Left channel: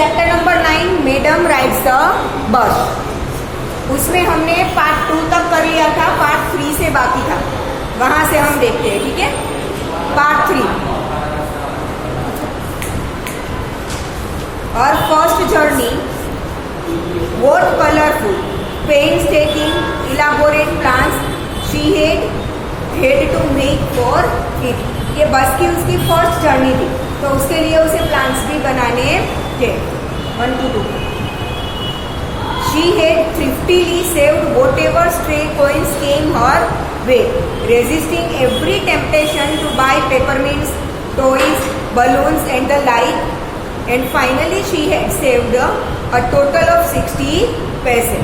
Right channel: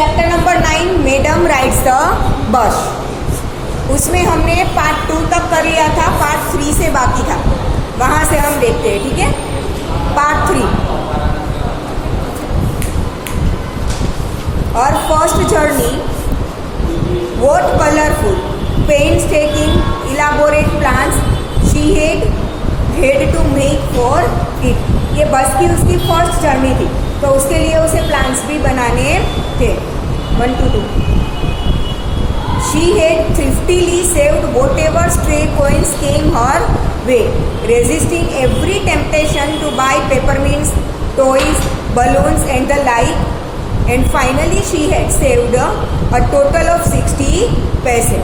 Chapter number 9 madam rides the bus. उसमें हमने part 2 तक कर लिया था, पार्ट 3 से बाकी था, वहां से हम देखते हैं। ठीक है, पार्ट 3 और first journey what colourful painstaking elaborate plans she had to make for it। ये बस की उसकी फर्स्ट जर्नी थी, तो उसके लिए उसे प्लान्स भी बनाने थे। 1 to 2 She had thriftily saved whatever stray coins came her way, resisting every temptation to buy peppermints, toys, balloons and the like, and finally she had saved a total of 60 पैसे।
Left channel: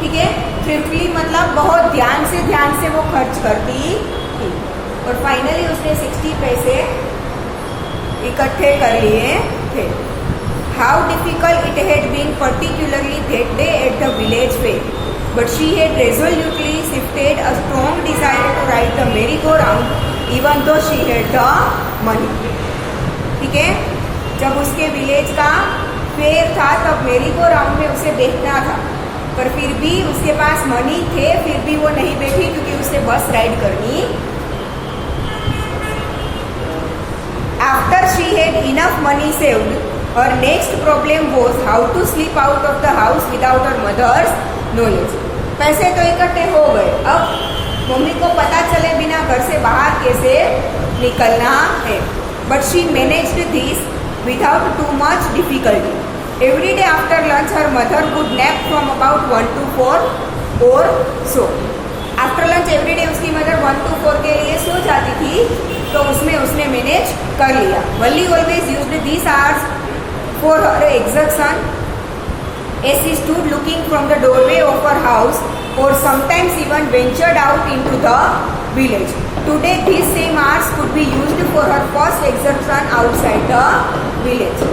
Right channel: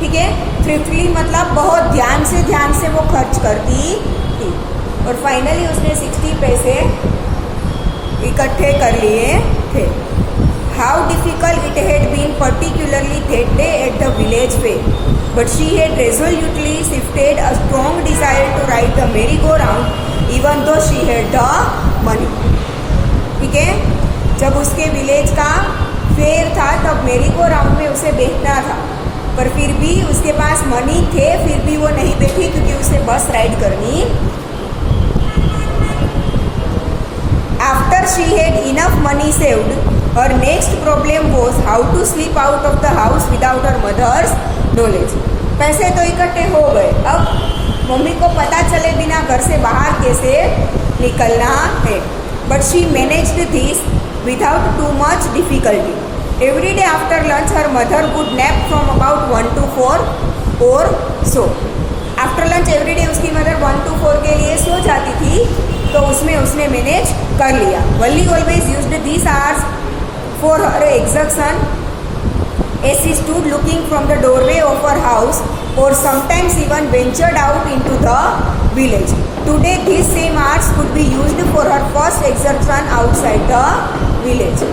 ठीक है, थ्रिफ्टली मतलब बहुत ध्यान से वो खर्च करती थी और फाइनली उसने 60 पैसे इकट्ठे कर लिए थे। How difficult it had been particularly that day at the village fair, but she had resolutely shifted a strong desire to ride the merry go round even though she had the money. ठीक है, जब उसके village का fair था तब मेरी go round में उसे देखना था, पर फिर भी उसके पास मनी थे, फिर भी वो नहीं बैठी क्योंकि उसे बस राइड करनी। After she had enough money saved, her next problem was how to sleep out of the house without her mother's knowledge. पैसे तो इकट्ठे हो गए, अब मम्मी को पता चले बिना घर से बाहर कैसे निकलना है। But she managed this without too much difficulty. Every day after lunch, her mother would nap from about 1 to 4 or so. After lunch every day उसकी मदर 1 to 4 के लिए सो जाती थी, तो उसमें उसने मैनेज कर लिया। Wally always used these hours for her exertion as she stood looking from the doorway of her house, or sometimes even ventured out into the village. Today these same hours could be used for her first exertion outside the village.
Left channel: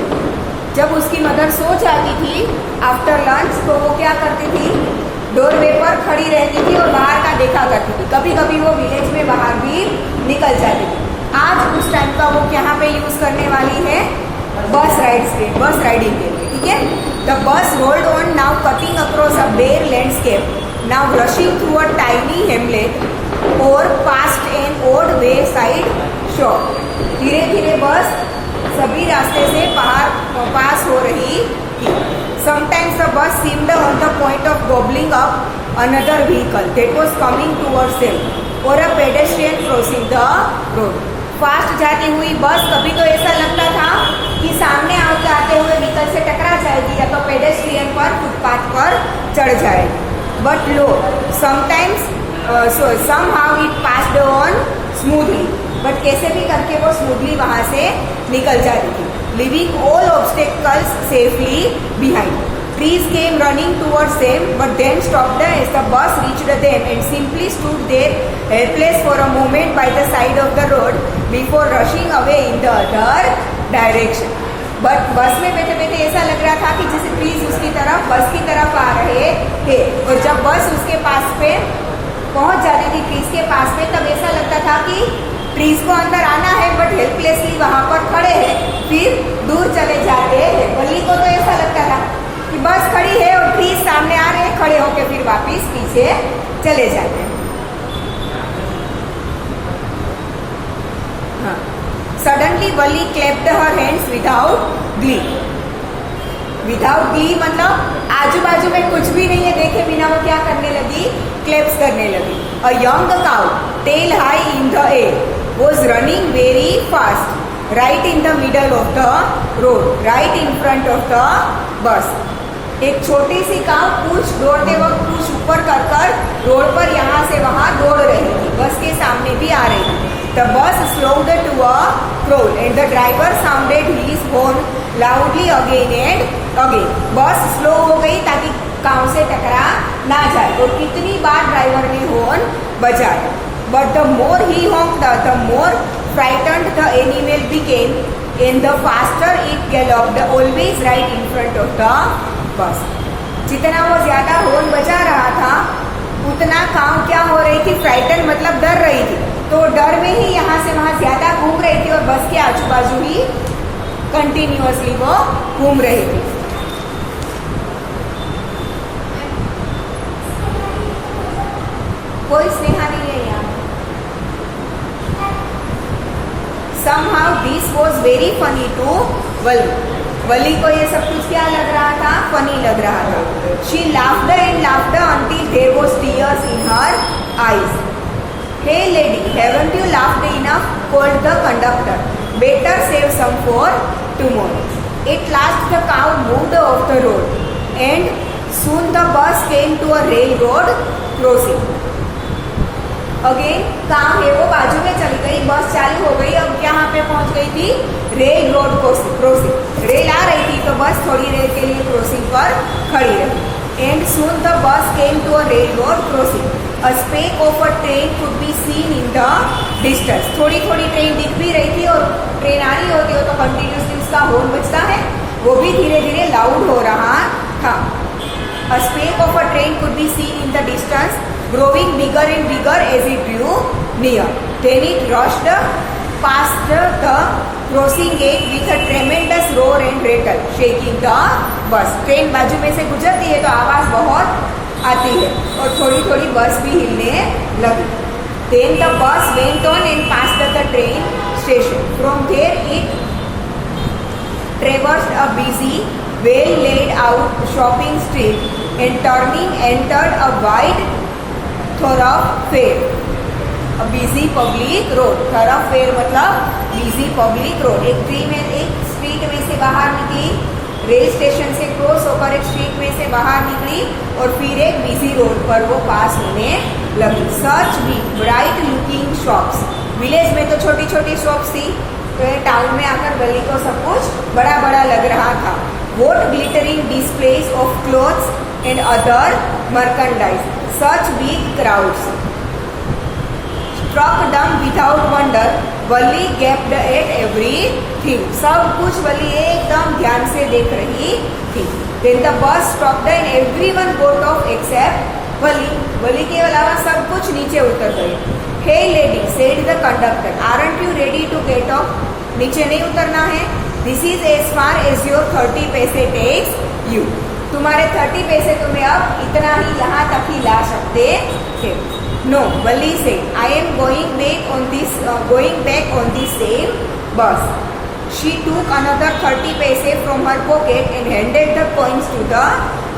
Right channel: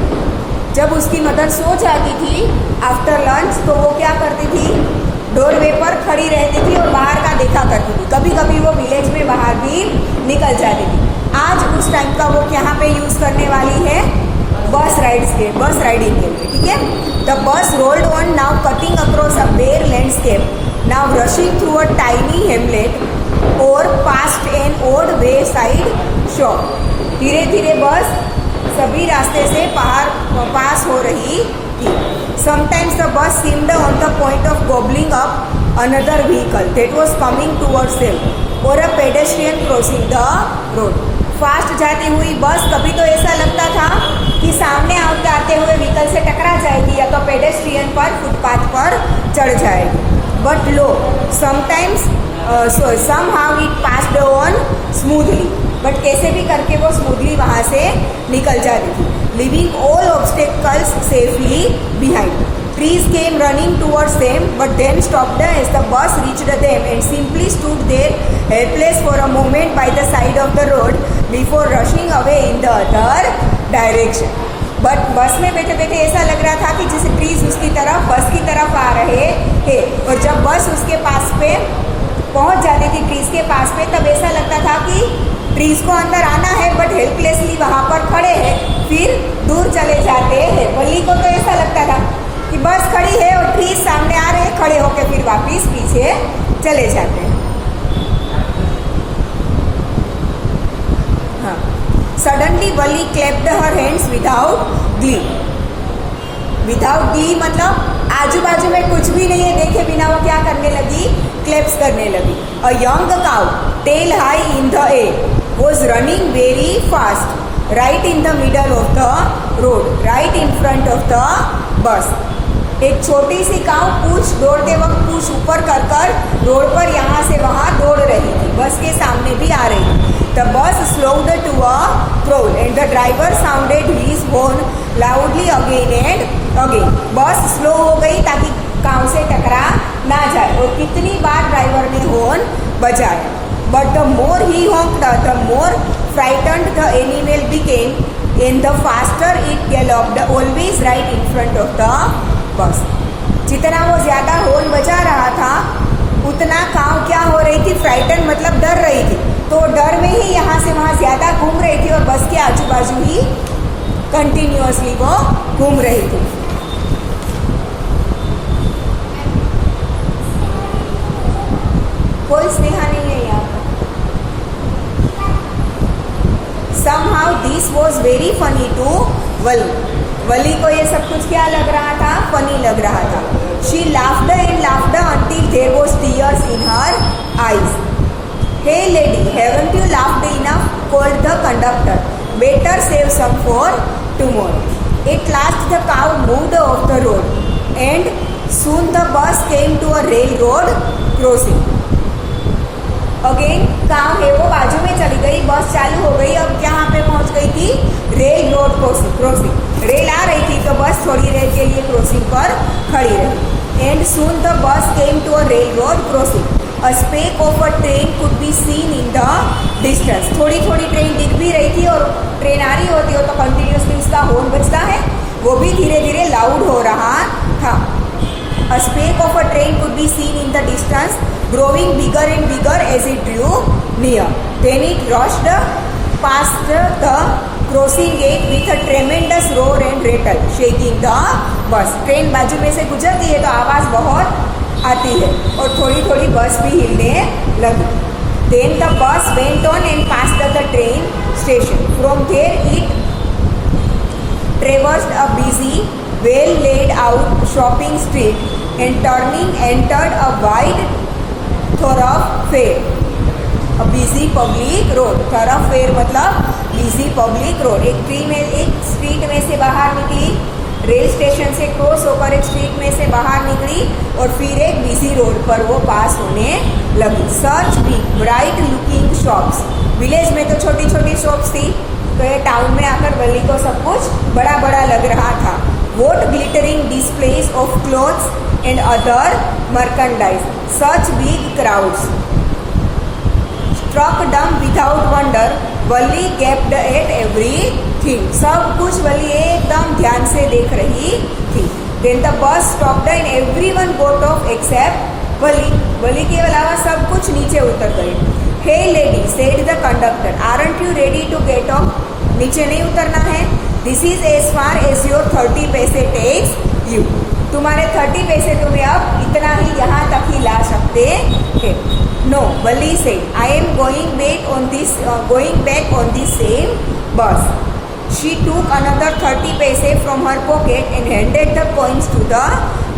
जब उसकी mother so जाती थी after lunch, तो वो क्या करती थी, doorway पर खड़ी रहती थी और बाहर का देखा करती थी। कभी कभी वो विलेज में बाहर भी निकल जाती थी। आज उस टाइम का वो यहाँ पे यूज करने वाली है बस राइडिंग के लिए। ठीक है, the bus rolled on, now cutting across a bare landscape, now rushing through a tiny hamlet और past an old wayside shop. धीरे धीरे बस सभी रास्ते से पास हो रही थी। Sometimes the bus seemed on the point of gobbling up another vehicle that was coming towards them, or a pedestrian crossing the road. Fast जाती हुई बस कभी तो ऐसा लगता था कि सामने आते हुए व्हीकल से टकरा जाएगी या तो पेडेस्ट्रियन पर, फुटपाथ पर चढ़ जाएगी। But low, sometimes somehow it passed on smoothly, but कैसे भी करके वो स्मूथली वहां से निकल जाती थी। Leaving all obstacles safely behind. Trees came running towards them, but then stopped as the bus reached them and simply stood there helpless for a moment by the side of the road before rushing away in the other direction. But bus में बैठे बैठे ऐसा लग रहा था कि जैसे trees उसकी तरफ, बस की तरफ आ रहे थे, और जब बस उसके पास पे पहुंच जाती थी, ट्रीज के पास पे, तब ऐसा लगता था कि ट्रीज को अंदर आना है बट हेल्पलेसली वहां पर खड़े हैं, फिर दूर चले जाते हैं। वली को तो ऐसा लगता था कि बस खड़ी है और ट्रीज सामने आ रहे हैं, खड़े होकर फिर वापिस पीछे चले जाते हैं। हाँ, suddenly Valli clapped her hands without glee. Without glee मतलब आजू बाजू में कुछ भी नहीं है देखे बिना वो क्या करने लगी, क्लैप्स करने लगी। A young cow tail high in the air was running very fast right in the middle of the road, right in front of the bus। एक छोटी सी काऊ पूंछ दौड़ते वक्त पूंछ ऊपर कर रोड पर यहाँ से वहां दौड़ रही थी, बस के सामने भी आ रही थी। The bus slowed to a crawl and the driver sounded his horn loudly again and again। बस स्लो हो गई ताकि काऊ से टकरा ना जाए, और कितनी बार ड्राइवर ने हॉर्न बजाया। But the more he honked, the more frightened the animal became, and the faster it galloped, always right in front of the bus। जितना वो ज्यादा हॉर्न बजा रहा था, उतना काऊ क्या हो रही थी, फ्राइटन मतलब डर रही थी, तो डर में ही यहाँ से वहां ज्यादा घूम रही थी और बस के आजू बाजू ही कंटिन्यूअसली वो घूम रही थी। कोई स्नेहा नहीं है यहाँ। Somehow this was very funny to वली। वली को ये सब कुछ क्या लग रहा था? फनी लग रहा था। She laughed and laughed until there was tears in her eyes. Hey lady, haven't you laughed enough? Called the conductor. Better save some for tomorrow. At last the cow moved off the road, and soon the bus came to a railroad crossing. Again काव है वो बाजू में चली गई, बस चालू हो गई। अब यहाँ पे पहुंच गई थी रेल रोड क्रॉसिंग। रेल आ रही थी तो बस थोड़ी देर के लिए क्रॉसिंग पर खड़ी रही। And soon the bus came to a rail road crossing. A speck of a train could be seen in the distance. थोड़ी थोड़ी ट्रेन दिख भी रही थी, और ट्रेन आ रही होती हो तो कंटिन्यूसली उसका हॉर्न बजता है, वो भी धीरे धीरे लाउड हो रहा था। A speck of a train could be seen in the distance, growing bigger and bigger as it drew near. Then it rushed past the crossing gate with a tremendous roar and rattle, shaking the bus. Train बाजू में से गुजरती है तो आवाज बहुत आती है और थोड़ी थोड़ी बस भी हिलने लगी। Then the bus went on and passed the train station. From there it traversed a busy, well laid out shopping street and turning entered a wide thoroughfare, a busy public road. thoroughfare मतलब busy public road। एक street में से बाहर निकली, rail station से cross होकर एक street में से बाहर निकली और फिर एक बिजी रोड पर वो पास होने लगी। सच भी ब्राइट लुकिंग शॉप्स। विलेज में तो छोटी छोटी शॉप्स थी, तो ये टाउन में आकर गली को सब कुछ बड़ा बड़ा लग रहा था। What glittering displays of clothes and other merchandise, such big crowds. Struck dumb without wonder, Wali gaped at everything. सब कुछ वली एकदम ध्यान से देख रही थी। Then the bus stopped and everyone got off except वली। वली के अलावा सब कुछ नीचे उतर गई। Hey lady, said the conductor, aren't you ready to get off? नीचे नहीं उतरना है? This is as far as your 30 पैसे takes you. तुम्हारे 30 पैसे तुम्हें अब इतना ही यहाँ तक ही ला सकते थे। No, Wali said, I am going back on this same bus. She took another 30 पैसे from her pocket and handed the coins to the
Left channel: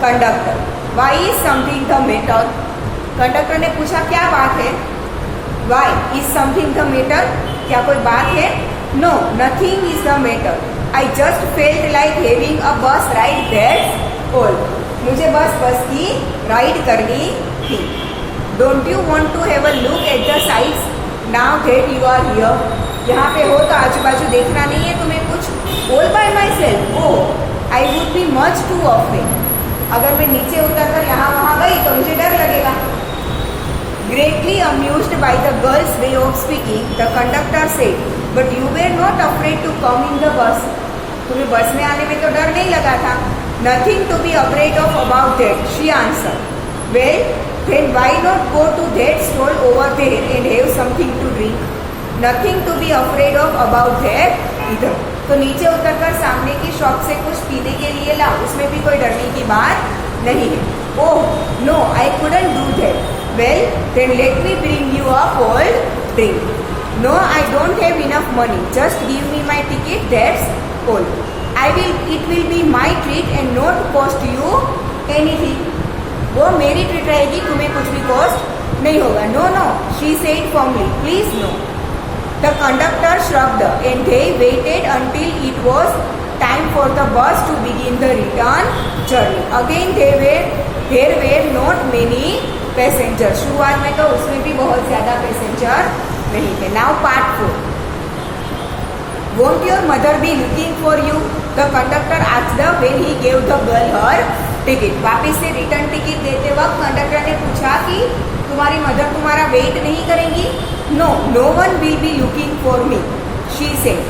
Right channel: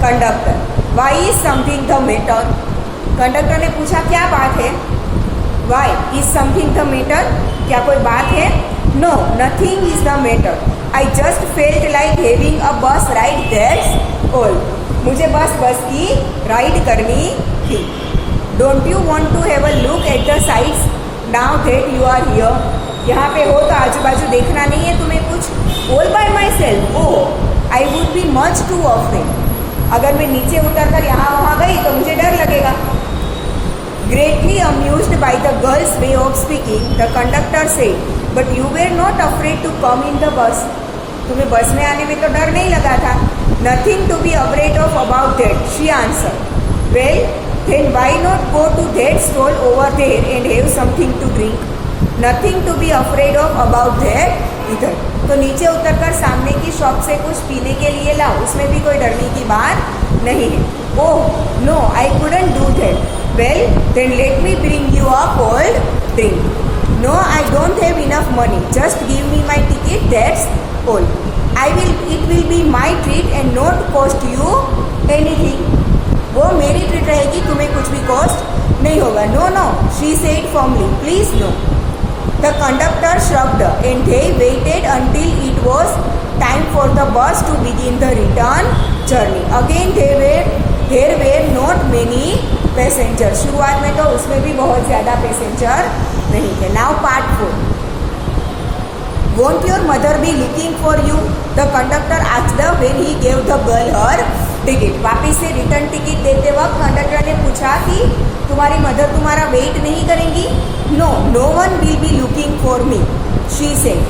conductor. Why is something the matter? Conductor ने पूछा क्या बात है? Why is something the matter? क्या कोई बात है? No, nothing is the matter. I just felt like having a bus ride, that's all. मुझे बस की राइड करनी थी। Don't you want to have a look at the sights now that you are here? यहाँ पे हो तो आजू बाजू देखना नहीं है तुम्हें कुछ? All by myself? Oh, I would be much too often. अगर मैं नीचे उतरकर यहाँ वहाँ गई तो मुझे डर लगेगा। Greatly amused by the girl's way of speaking, the conductor said, "But you were not afraid to come in the bus." तुम्हें बस में आने में तो डर नहीं लगा था? Nothing to be afraid of about that, she answered. Well, then why not go to that stall over there and have something to drink? Nothing to be afraid of about that either. तो नीचे उतरकर सामने की shop से कुछ पीने के लिए लाओ, उसमें भी कोई डरने की बात नहीं है। Oh, no, I couldn't do that. Well, then let me bring you a cold drink. No, I don't have enough money. Just give me my ticket, that's all. It will be my treat and not cost you anything. वो मेरी treat रहेगी, तुम्हें कुछ भी cost नहीं होगा। No, she said firmly. Please no. The conductor shrugged and they waited until it was time for the bus to begin the return journey. Again there were not many passengers. शुरुआत में तो उसमें भी बहुत ज्यादा passenger नहीं थे। Now part 4. Won't your mother be looking for you? The conductor asked her when he gave the girl her ticket. वापिस से रिटर्न टिकट देते वक्त कंडक्टर ने पूछा कि तुम्हारी मदर तुम्हारा वेट नहीं करेंगी? No, no one will be looking for me, she said.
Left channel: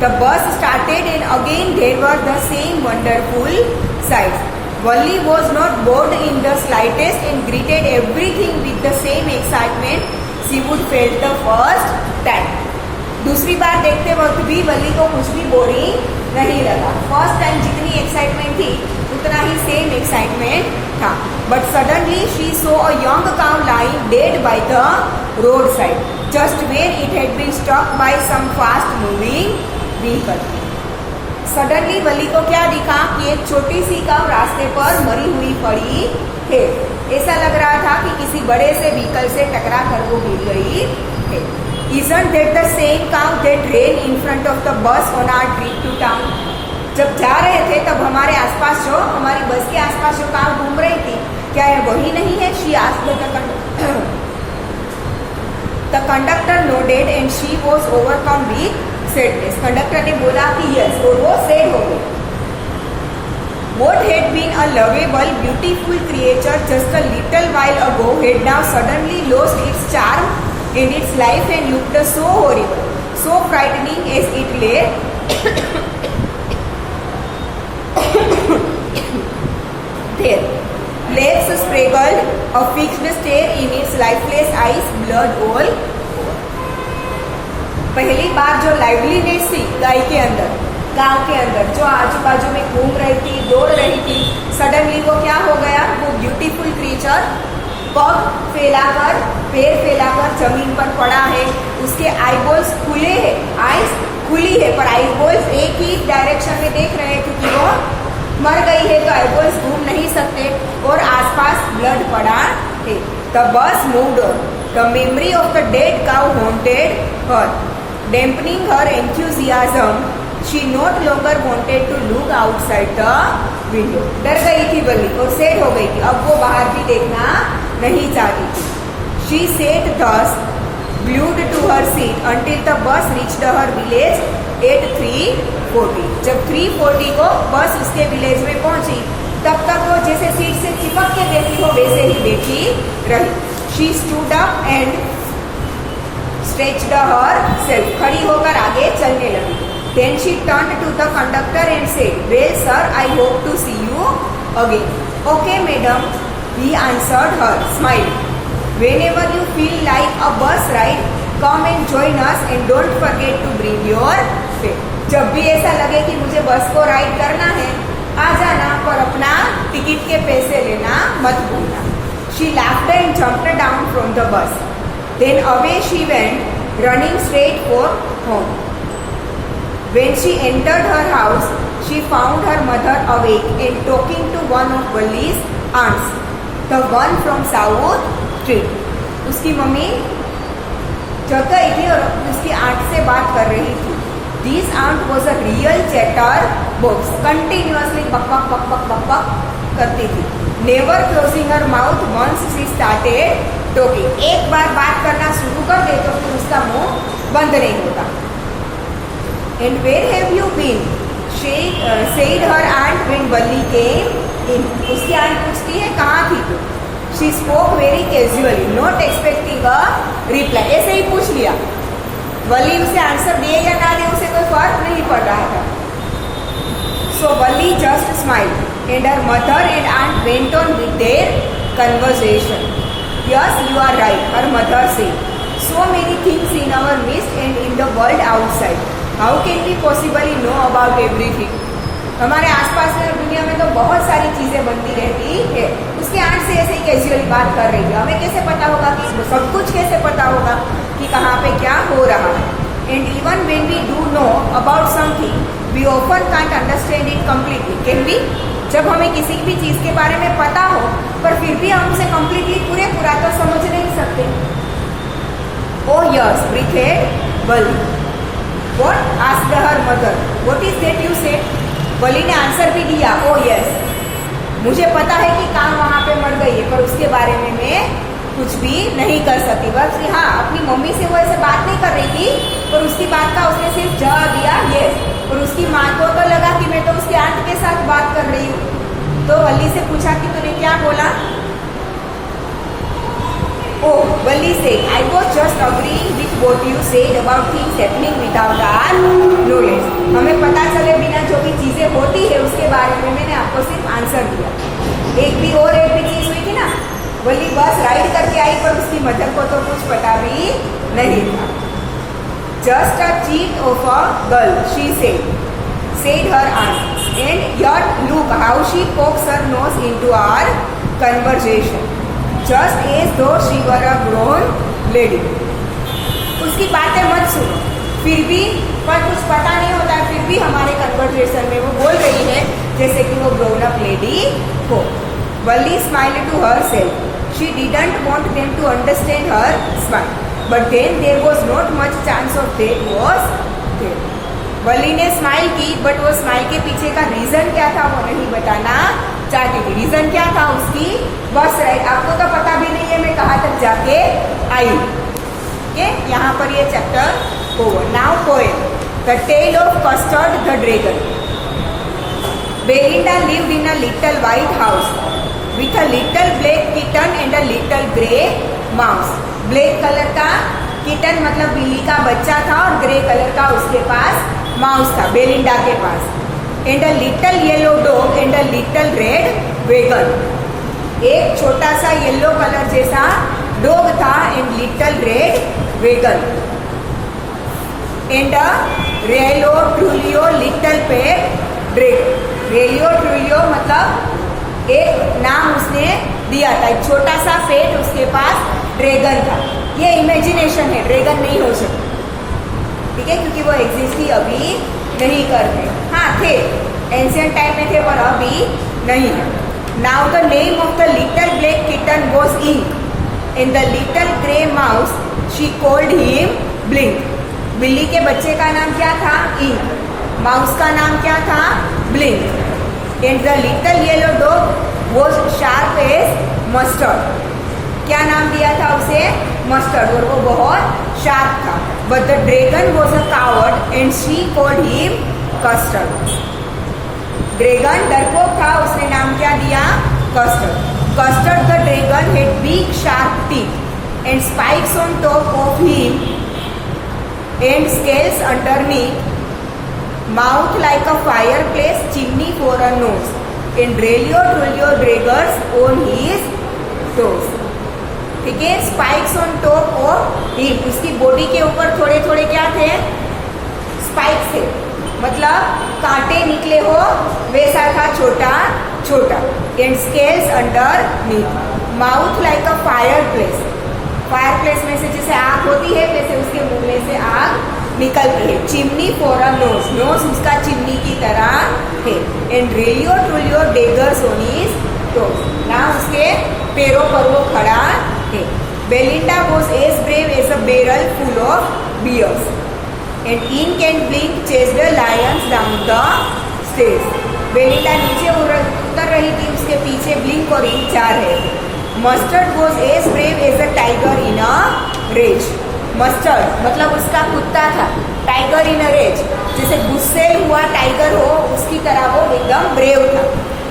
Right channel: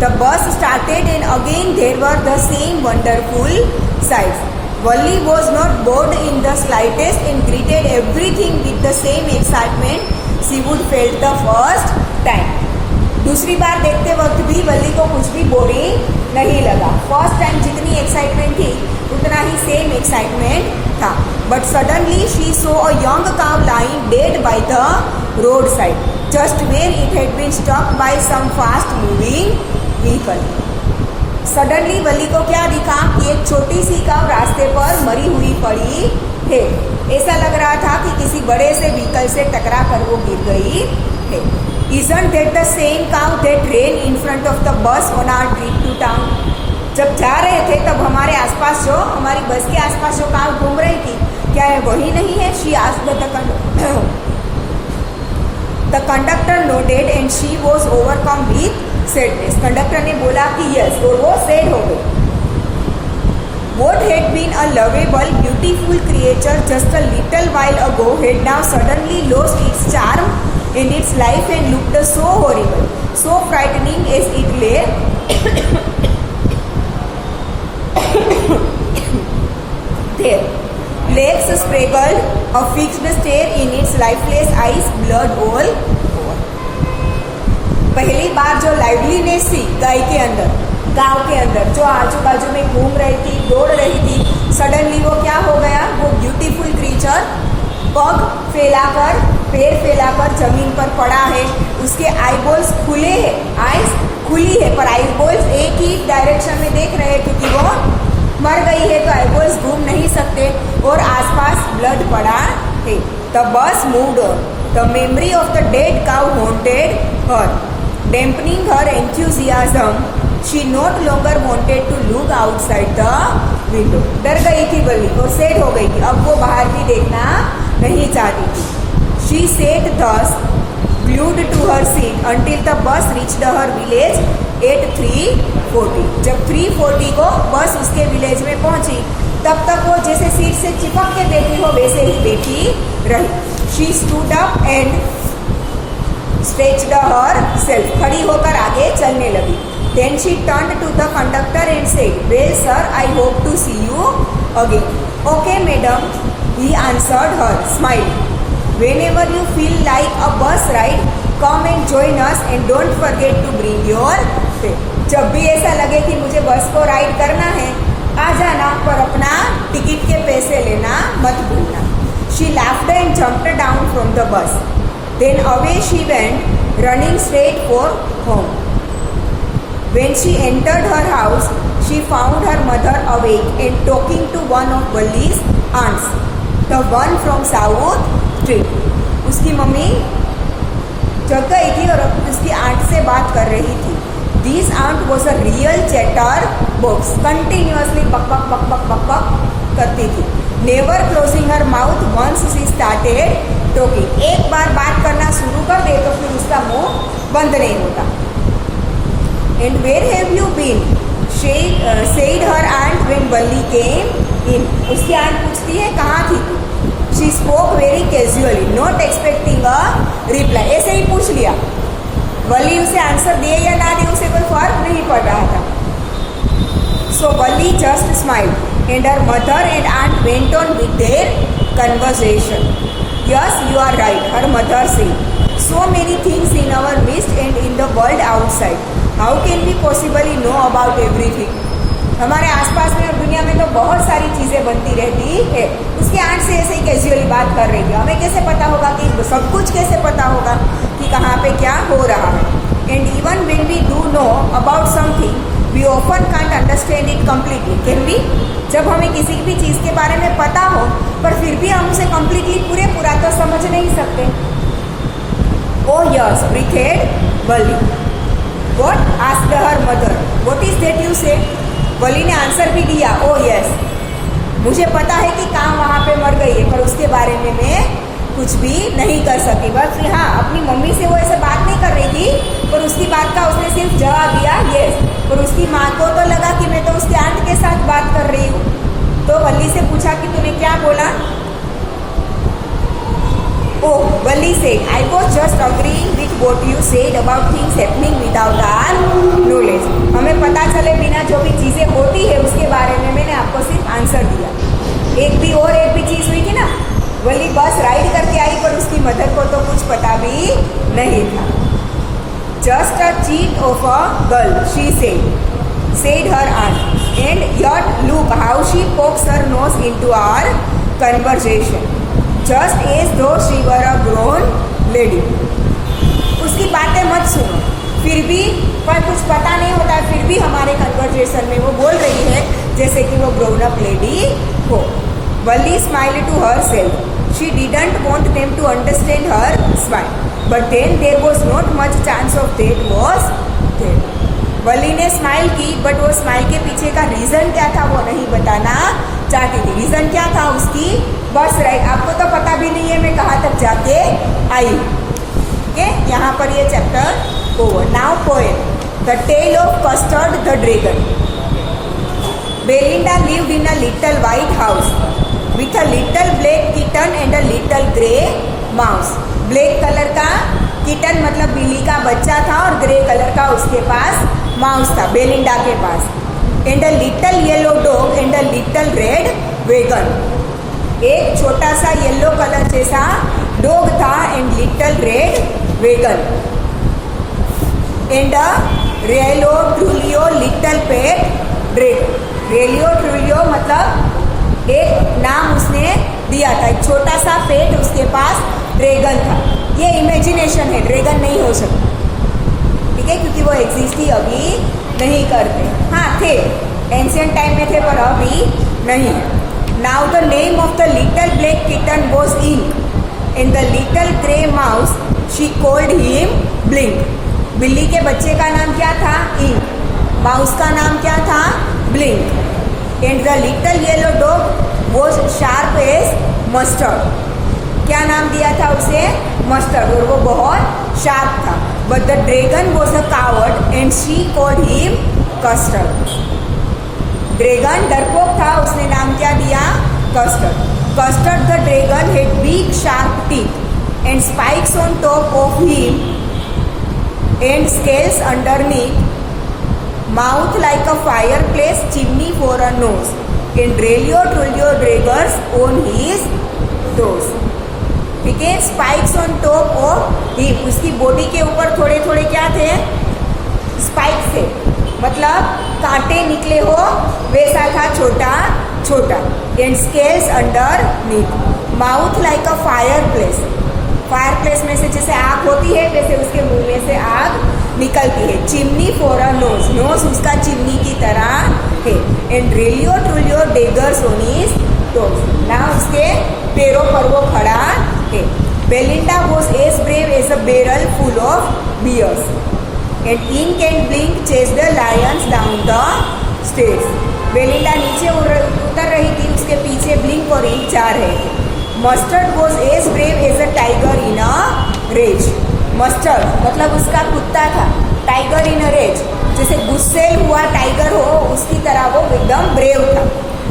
The bus started and again there were the same wonderful sights. Wali was not bored in the slightest and greeted everything with the same excitement she would felt the first time. दूसरी बार देखते वक्त भी वली को कुछ भी boring नहीं लगा। First time जितनी एक्साइटमेंट थी उतना ही सेम एक्साइटमेंट था। But suddenly she saw a young cow lying dead by the roadside just when it had been stop by some fast moving vehicle. Suddenly Valli को क्या दिखा कि एक छोटी सी काउ रास्ते पर मरी हुई पड़ी है। ऐसा लग रहा था कि किसी बड़े से व्हीकल से टकरा कर वो गिर गई है। Isn't that the same cow that ran in front of the bus on our trip to town? जब जा रहे थे तब हमारे आसपास जो हमारी बस के आसपास जो काव घूम रही थी, क्या है वही नहीं है? She asked the conductor. The conductor nodded and she was overcome with sadness. Conductor ने बोला कि यस, और वो सैड हो गई। What had been a lovable, beautiful creature just a little while ago had now suddenly lost its charm in its life and looked so horrible, so frightening as it lay there. Legs straggled, a fixed stare in its lifeless eyes, blood all over. पहली बार जो liveliness थी गाय के अंदर, गांव के अंदर जो आजू बाजू में घूम रही थी, दौड़ रही थी, सडनली वो क्या हो गया? वो ब्यूटीफुल क्रीचर पग फैलाकर, पैर फैलाकर जमीन पर पड़ा है। उसके आईबॉल्स खुले हैं, आईज खुली है, पर आईबॉल्स एक ही डायरेक्शन में देख रहे हैं क्योंकि वो मर गई है तो आईबॉल्स घूम नहीं सकते और आसपास ब्लड पड़ा है। The bus moved on. The memory of the dead cow haunted her, dampening her enthusiasm. She not longer wanted to look outside the window. डर गई थी बल्ली और सेट हो गई थी, अब वो बाहर भी देखना नहीं चाहती थी। She sat thus, glued to her seat until the bus reached her village at 3:40. जब 3:40 को बस उसके विलेज में पहुंची तब तक वो जैसे सीट से चिपक के बैठी हो वैसे ही बैठी रही। She stood up and stretched herself. खड़ी होकर आगे चलने लगी। Then she turned to the conductor and said, "Well, sir, I hope to see you again." "Okay, madam," he answered her, smiling. Whenever you feel like a bus ride, come and join us and don't forget to bring your fare. जब भी ऐसा लगे कि मुझे बस को ride करना है, आ जाना, पर अपना टिकट के पैसे लेना मत भूलना। She laughed and jumped down from the bus. Then away she went, running straight for home. When she entered her house, she found her mother awake and talking to one of Valli's aunts, the one from South Street. उसकी mummy जग गई थी और उसकी aunt से बात कर रही थी। This aunt was a real chatter box, continuously बक बक बक बक बक बक करती थी। Never closing her mouth once she started talking. एक बार बात करना शुरू कर दे तो फिर उसका मुंह बंद नहीं होता। And where have you been? Said her aunt when Valli came in. उसकी आंट पूछती है कहाँ थी तू? She spoke very casually, not expecting a reply. ऐसे ही पूछ लिया। वली उसे आंसर दे या ना दे उसे कोई फर्क नहीं पड़ रहा था। So Valli just smiled, and her mother and aunt went on with their conversation. Yes, you are right, her mother said. So many things in our midst and in the world outside. How can we possibly know about everything? हमारे आसपास में दुनिया में तो बहुत सारी चीजें बनती रहती है। उसके आंट से ऐसे कैजुअली बात कर रही है। हमें कैसे पता होगा कि सब कुछ कैसे पता होगा कि कहाँ पे क्या हो रहा है? And even when we do know about something we often can't understand it completely. Can be, जब हमें किसी भी चीज के बारे में पता हो पर फिर भी हम उसे कम्प्लीटली पूरा तो समझ नहीं सकते। ओ yes, ब्रीथेड Wali. What? Asked her mother. What is that you से? वली ने आंसर भी दिया, ओ यस, मुझे पता है कि कहाँ वहाँ पे मर गई है पर उसके बारे में मैं कुछ भी नहीं कर सकती। बस कि हाँ, अपनी मम्मी से वो ऐसे बात नहीं कर रही थी पर उसकी बात का उसने सिर्फ जवाब दिया यस। और उसकी माँ को तो लगा कि मैं तो उसकी आंट के साथ बात कर रही हूँ। तो वली से पूछा कि तूने क्या बोला? Oh, Valli said, I was just agreeing with what you said about things happening without our knowledge. हमें पता चले बिना जो भी चीजें होती है उसके बारे में मैंने आपको सिर्फ आंसर दिया। एक भी चीज हुई थी ना, वली बस राइड करके आई पर उसकी मदर को तो कुछ पता भी नहीं था। Just a cheat of a girl, she said her aunt. And yet look how she pokes her nose into our conversation, just as though she were a grown lady. उसकी बातें मत सुनो, फिर भी पर कुछ पता नहीं होता है, फिर भी हमारे कन्वर्सेशन में वो बोल रही है जैसे कि वो ग्रोन अप लेडी हो. Wally smiled to herself. She didn't want them to understand her smile, but then there was not much chance of that was there. वली ने स्माइल की, बट वो स्माइल के पीछे का रीजन क्या था वो नहीं बताना चाहती थी. रीजन क्या था उसकी? बस राइट, आपको तो पता भी नहीं है मैं कहाँ तक जाके आई. यहाँ पर ये chapter over. Now poem the tale of custard the dragon. Belinda lived in a little white house with a little black kitten and a little grey mouse. Black colour का किटन मतलब बिल्ली का बच्चा था और ग्रे कलर का उसके पास mouse था, बेलिंडा के पास. And a little yellow dog and a little red wagon. एक छोटा सा येलो कलर जैसा डॉग था and little red wagon. And a realio trulio little pet dragon. रेलियो ट्रूलियो मतलब एक नाम उसने दिया था, एक छोटा सा पेट उसके पास ड्रैगन था. ये इमेजिनेशन है, ड्रैगन नहीं हो सकता, ठीक है, क्योंकि वो एग्जिस्ट ही अभी नहीं करते. हाँ थे, एंशियंट टाइम में थे पर अभी नहीं. Now the name of the little black kitten was ink and the little grey mouse she called him blink. बिल्ली के बच्चे का नाम क्या था? इंक. माउस का नाम क्या था? Blink. And the little yellow dog was sharp as mustard. क्या नाम दिया था उसे? मस्टर्ड. और वो बहुत शार्प था. But the dragon was a coward and she called him custard. Dragon डरपोक था, उसने नाम क्या दिया? Custard. Custard the dragon had big sharp teeth and spikes on top of him and scales underneath, mouth like a fireplace chimney for a nose, and Relio Trulio Draggers on his toes. ठीक है, spikes on top of him. उसकी body के ऊपर थोड़े थोड़े क्या थे? Spikes थे, मतलब कांटे निकले हो वैसा था, छोटा छोटा. And scales underneath, mouth like a fireplace. Fireplace में से जैसे आग होती है वैसे उसके मुंह में से आग निकलती है. Chimney for a nose, nose उसका चिमनी की तरह है. And realio trulio daggers on his toes, ना उसके पैरों पर वो खड़ा है. Belinda was as brave as a barrel full of bears and Ink and Blink chase the lions down the stage. Belinda नीचे उतर रही थी, उसके पीछे ब्लिंक और इंक जा रहे थे. Mustard was as brave as a tiger in a rage. Mustard मतलब उसका कुत्ता था, टाइगर इन अ रेज, जैसे गुस्से हुआ टाइगर हो उसकी तरह वो एकदम ब्रेव था.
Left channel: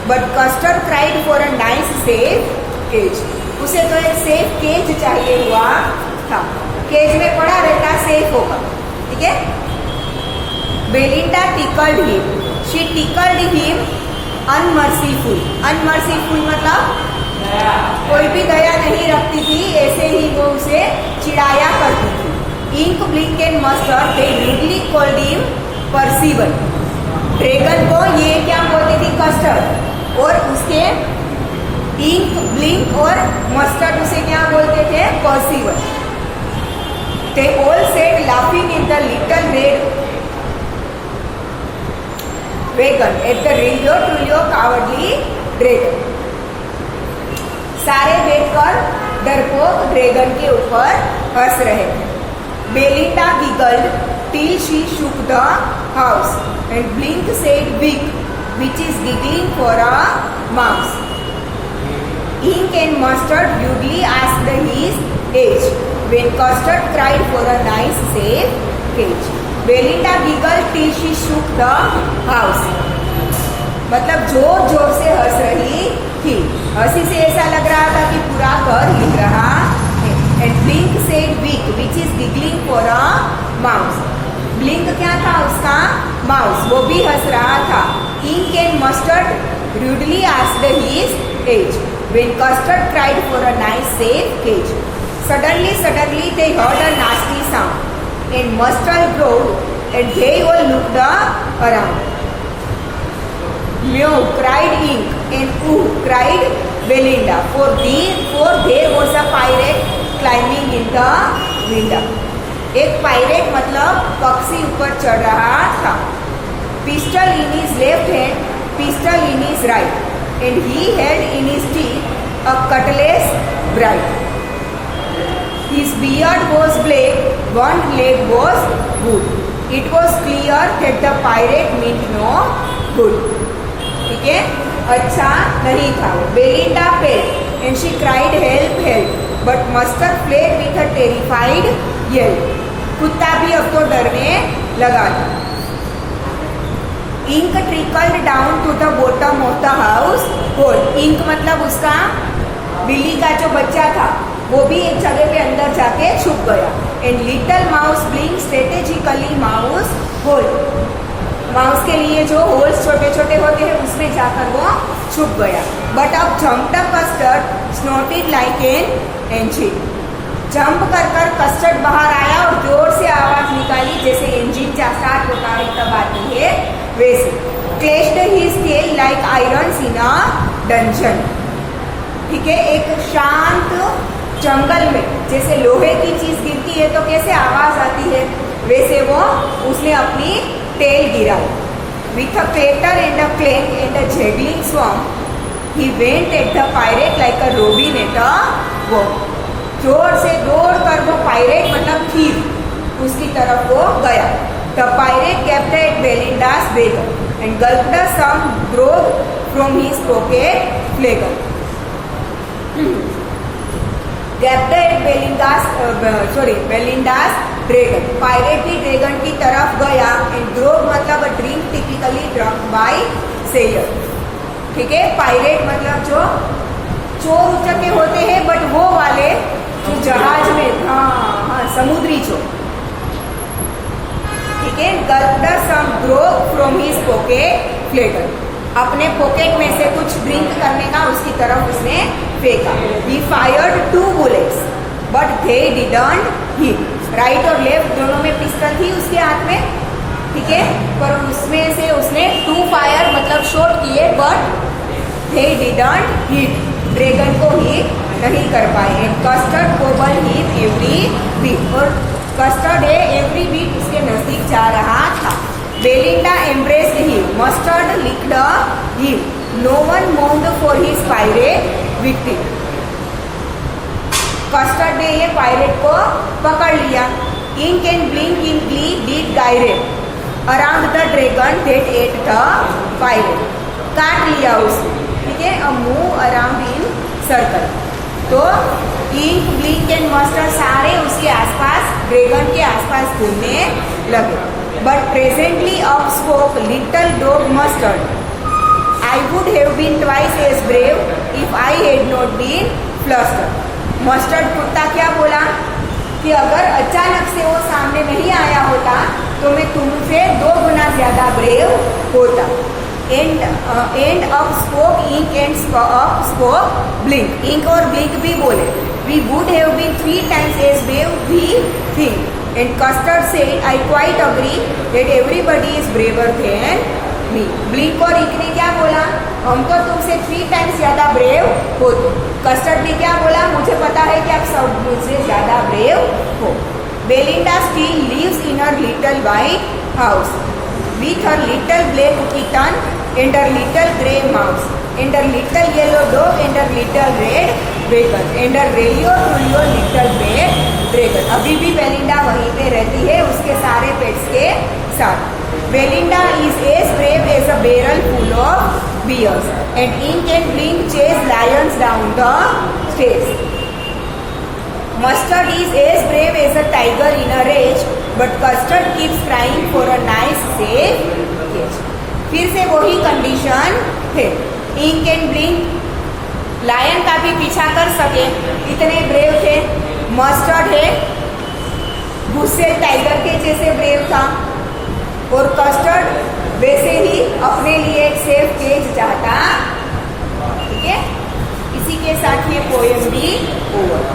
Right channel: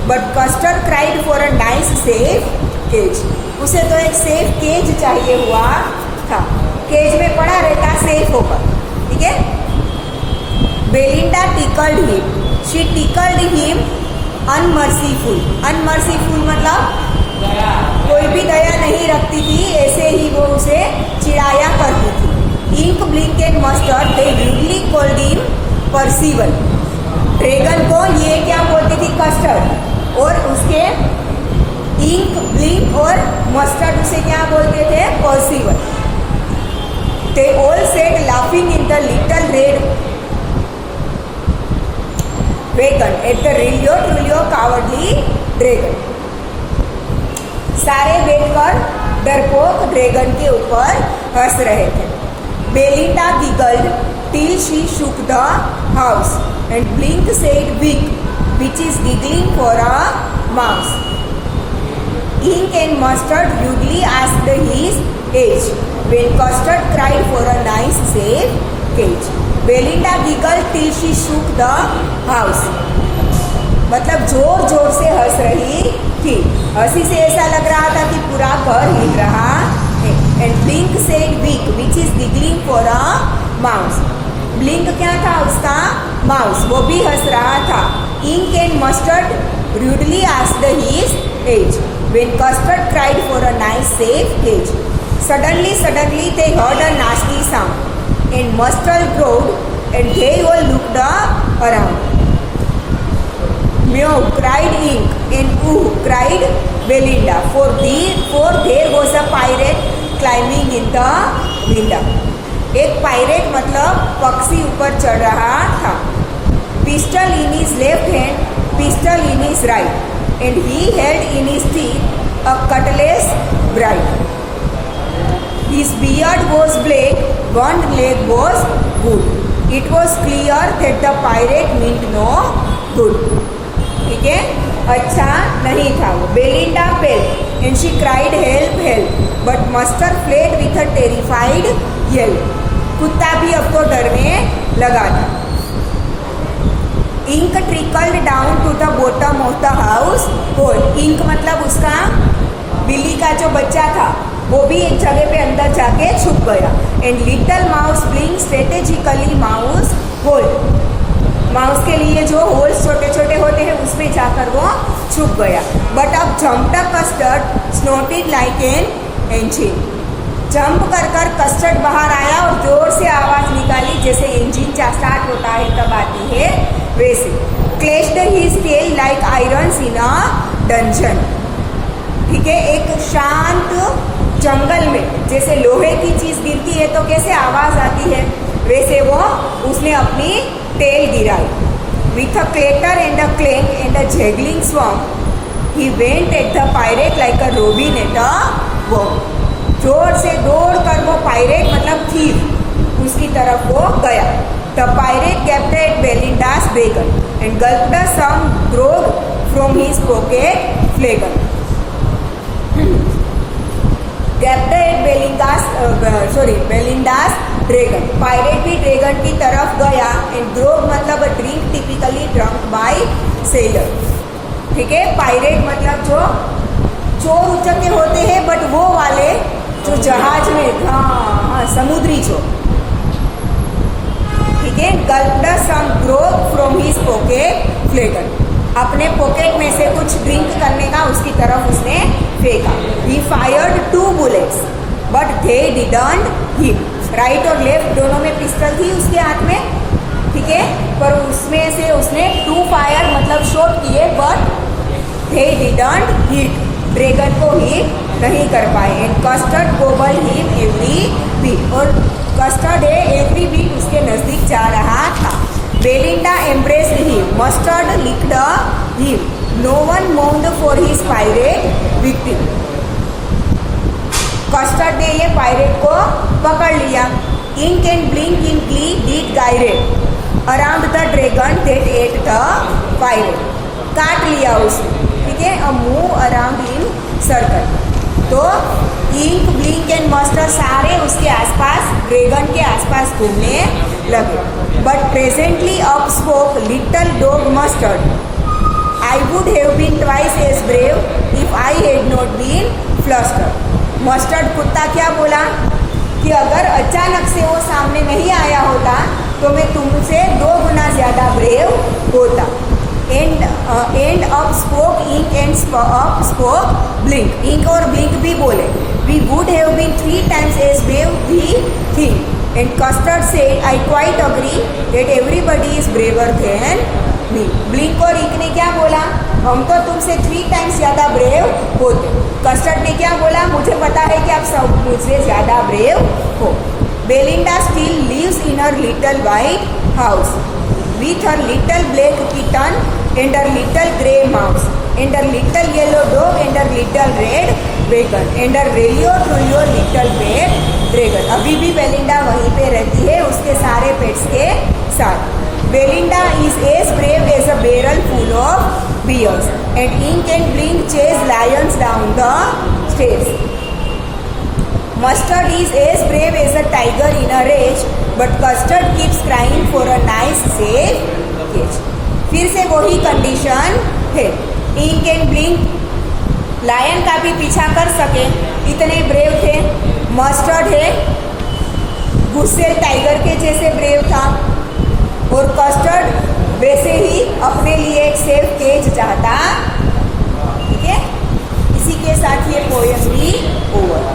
But custard cried for a nice safe cage. उसे तो एक सेफ केज चाहिए हुआ था, केज में पड़ा रहता सेफ होकर. ठीक है. Belinda tickled him, she tickled him unmerciful. Unmerciful मतलब कोई भी दया नहीं रखती थी, ऐसे ही वो उसे चिढ़ाया करती थी. Ink blink and Mustard they rudely called him Percival. Dragon को ये क्या बोलती थी? कस्टर्ड. और उसके इंक ब्लिंक और मस्टर्ड उसे क्या बोलते थे? Percival. They all said laughing in the little red wagon at the realio trulio cowardly dragon. सारे बैठकर डरपोक ड्रैगन के ऊपर हंस रहे थे. Belinda giggled till she shook the house and blink said weeck which is giggling for a mouse. Ink and Mustard rudely asked his age when custard cried for a nice safe cage. Belinda giggled till she shook the house मतलब जोर जोर से हंस रही थी. हंसी से ऐसा लग रहा था कि पूरा घर हिल रहा है. And blink said weeck which is giggling for a mouse. Blink क्या था? उसका माउस, वो भी हंस रहा था. Ink and mustard rudely asked his age when custard cried for a nice safe cage. Suddenly they heard a nasty sound. and mustard growled and they all looked around. Meow cried Ink and ooh cried Belinda, for there was a pirate climbing in the window. एक pirate मतलब पक्षी ऊपर चढ़ रहा था. Pistol in his left hand, pistol in his right, and he held in his teeth a cutlass bright. His beard was black, one leg was good. It was clear that the pirate meant no good. ठीक है, अच्छा नहीं था. Belinda fell and she cried help help, but Mustard fled with a terrified yell. कुत्ता भी अब तो डरने लगा था. Ink trickled down to the bottom of the house hole. Ink मतलब उसका बिल्ली का जो बच्चा था वो भी एक जगह पे अंदर जाके छुप गया. And little mouse being strategically mouse hole, mouse के लिए जो होल्स छोटे छोटे होते हैं उसमें जाकर वो छुप गया. बट अब jumped Custard snorted like an engine. Jump कर कर कस्टर्ड बाहर आया और जोर से आवाज निकाली जैसे इंजिन स्टार्ट होता है तब आती है वैसे. Clashed his tail like irons in a dungeon. ठीक है, एक शांत जंगल में जैसे लोहे की चीज गिरती है तो कैसे आवाज आती है वैसे वो उसने अपनी टेल गिराई. With a clatter and a clank and a jangling squirm he went at the pirate like a robin at a walk. जोर से दौड़ कर वो पायरेट मतलब थीफ उसकी तरफ वो गया. The pirate gaped at Belinda's began and gulped some grog from his pocket flagon. Gaped at Belinda's dragon. Pirate भी ड्रैगन की तरफ गया. एंड ग्रोव मतलब drink typically drunk by sailor. ठीक है, पायरेट मतलब जो चोर उचके होते हैं बट वो वाले जो जहाज में, हाँ समुद्री चोर. ठीक है, gulped some grog from his pocket flagon. अपने पॉकेट में से कुछ ड्रिंक करने का उसकी तरफ उसने फेंका. ही fired 2 bullets but they didn't hit. Right और लेफ्ट दोनों में पिस्टल थी उसके हाथ में. ठीक है, पर उसमें से उसने 2 फायर मतलब शॉट किए but they didn't hit. Dragon को हिट नहीं कर पाए. Custard gobble hit every bit. और कस्टर्ड है एवरी बीट उसके नजदीक जा रहा था. Belinda embraced him. Mustard licked him. No one mourned for his pirate victim. Custard ने ये पायरेट को पकड़ लिया. Ink and blink in glee did gyrate around the dragon that ate the pirate. काट लिया उसने. ठीक है, a move around in circle. तो इंक ब्लिंक एंड मस्टर्ड सारे उसके आसपास ड्रैगन के आसपास घूमने लगे. But presently up spoke little dog mustard. I would have been twice as brave if I had not been flustered. Mustard कुत्ता क्या बोला कि अगर अचानक से वो सामने नहीं आया होता तो मैं तुमसे 2 गुना ज्यादा ब्रेव होता. And up spoke ink and up spoke blink. Ink और ब्लिंक भी बोले we would have been 3 times as brave we think. And custard said I quite agree that everybody is braver than me. Blink और ink ने क्या बोला, हम तो तुमसे 3 times ज्यादा ब्रेव होते. कस्टर्ड ने क्या बोला, मुझे पता है कि आप सब मुझसे ज्यादा ब्रेव हो. Belinda still lives in her little white house with her little black kitten and her little grey mouse and her little yellow dog and her little red dragon and her radio little black dragon. अभी भी Belinda वहीं पे रहती है उसके सारे pets के साथ. Belinda is as brave as a barrel full of bears and Ink and Blink chase lions down the stairs. Mustard is as brave as a tiger in a rage but Custard keeps crying for a nice safe cage. फिर से वही condition है. Ink and blink lion का भी पीछा कर सके इतने ब्रेव थे. मस्टर्ड है गुस्से टाइगर के जैसे ब्रेव था और कस्टर्ड वैसे ही अपने लिए एक सेफ केज चाहता. ठीक है, इसी के साथ ये पोएम भी ओवर.